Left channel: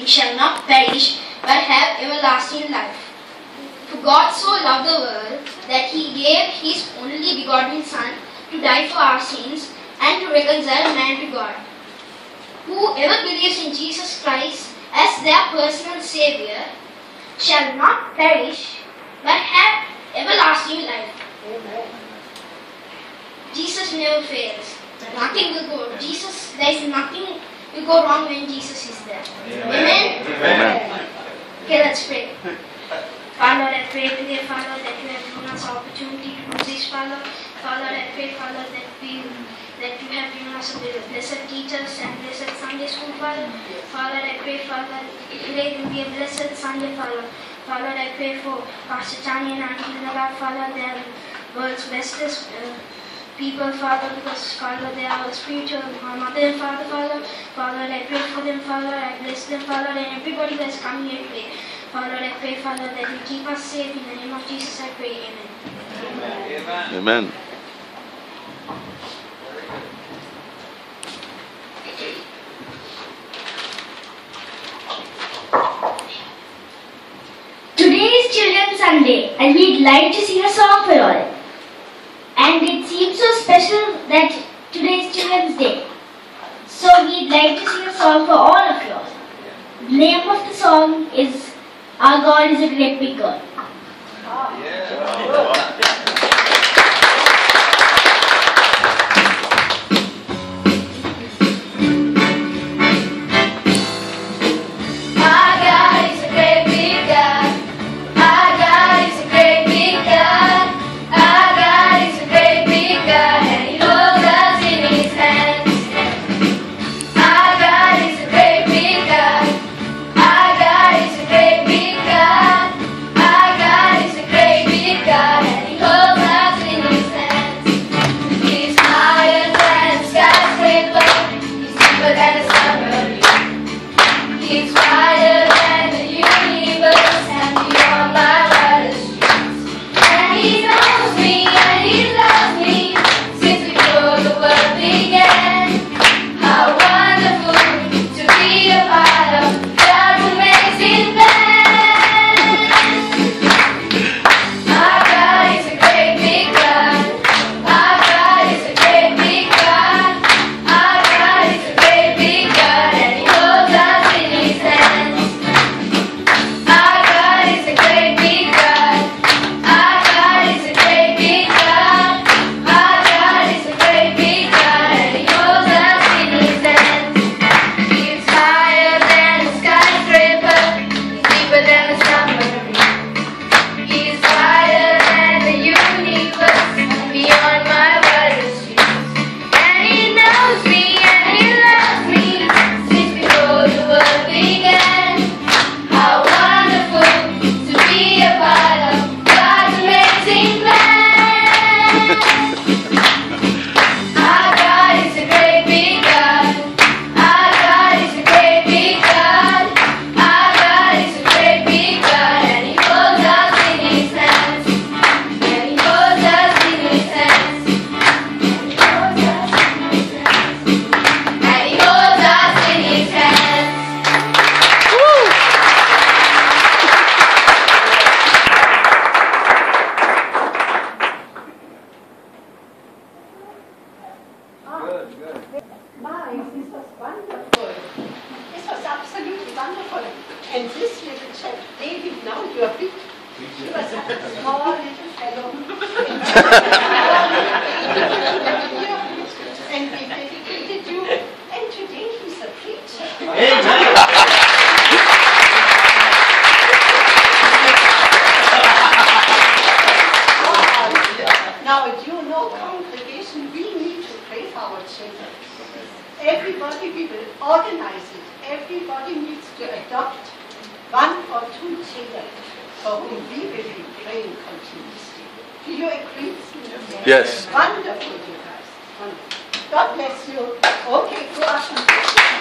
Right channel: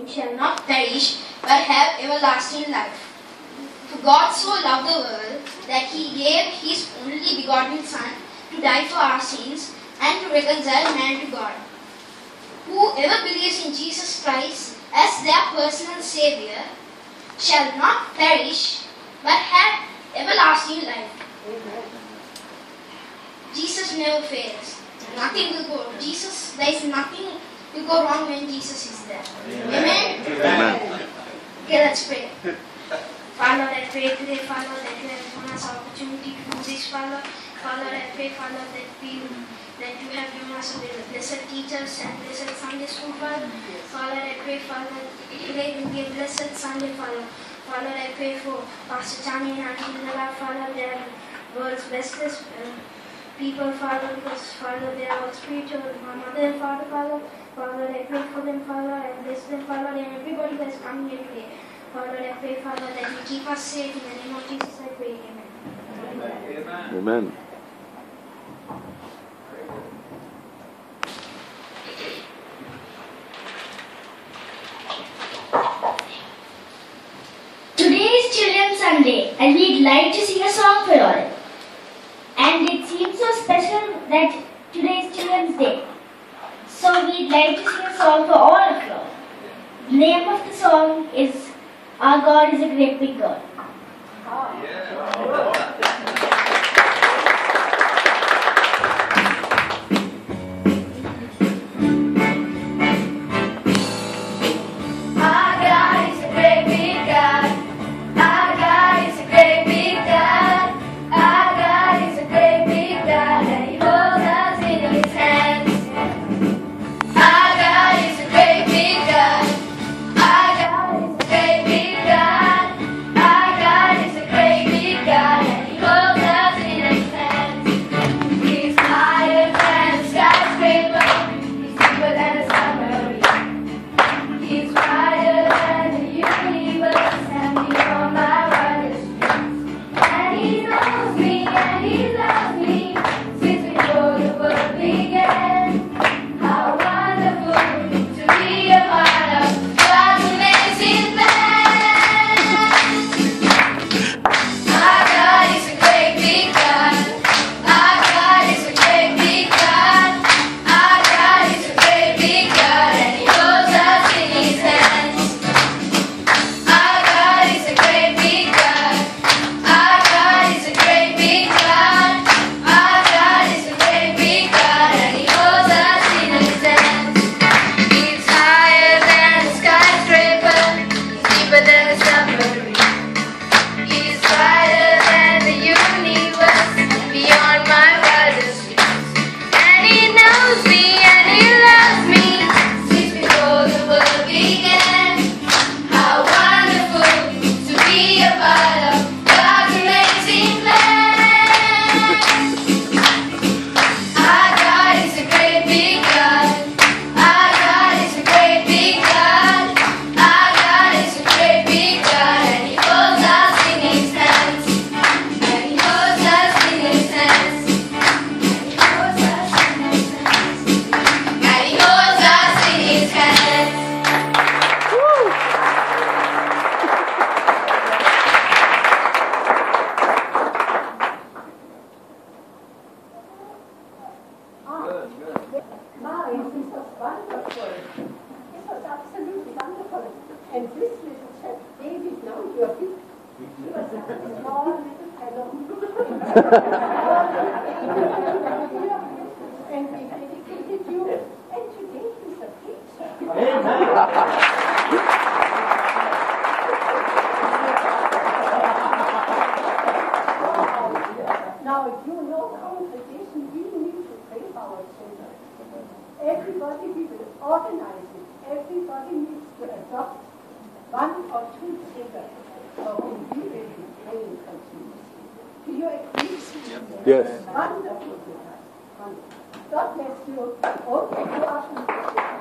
believing shall not perish, but have everlasting life. For God so loved the world that he gave his only begotten Son to die for our sins and to reconcile man to God. Whoever believes in Jesus Christ as their personal Savior shall not perish, but have everlasting life. Amen. Jesus never fails. Nothing will go. There is nothing will go wrong when Jesus is there. Amen? Amen. Okay, let's pray. Father, I pray today, Father, that you have given us opportunity to do this, Father. Father, I pray, Father, that you have given us blessed teachers and blessed Sunday school, Father. Father, I pray, Father, today will be a blessed Sunday, Father. Father, I pray for Pastor Chani and Auntie Nala, Father, they are the world's bestest people, Father, because, Father, they are spiritual, mother and father, Father. Father, I pray for them, Father, I bless them, Father, and everybody that's coming here today. Father, I pray, Father, that you keep us safe. In the name of Jesus, I pray. Amen. Amen. Amen. Today is Children's Sunday and we'd like to sing a song for you all. And it seems so special that today is Children's Day. So we'd like to sing a song for all of you all. The name of the song is Our God is a Great Big God. And this little chap, David, now you are big. He was a small little fellow. And we dedicated you. And today he's a preacher. Amen. Now, you know, congregation, we need to pray for our children. Everybody, we will organize it. Everybody needs to adopt 1 or 2 children for whom we will be praying continuously. Do you agree with me? Yes. Wonderful, you guys. Wonderful. God bless you. Okay, go up.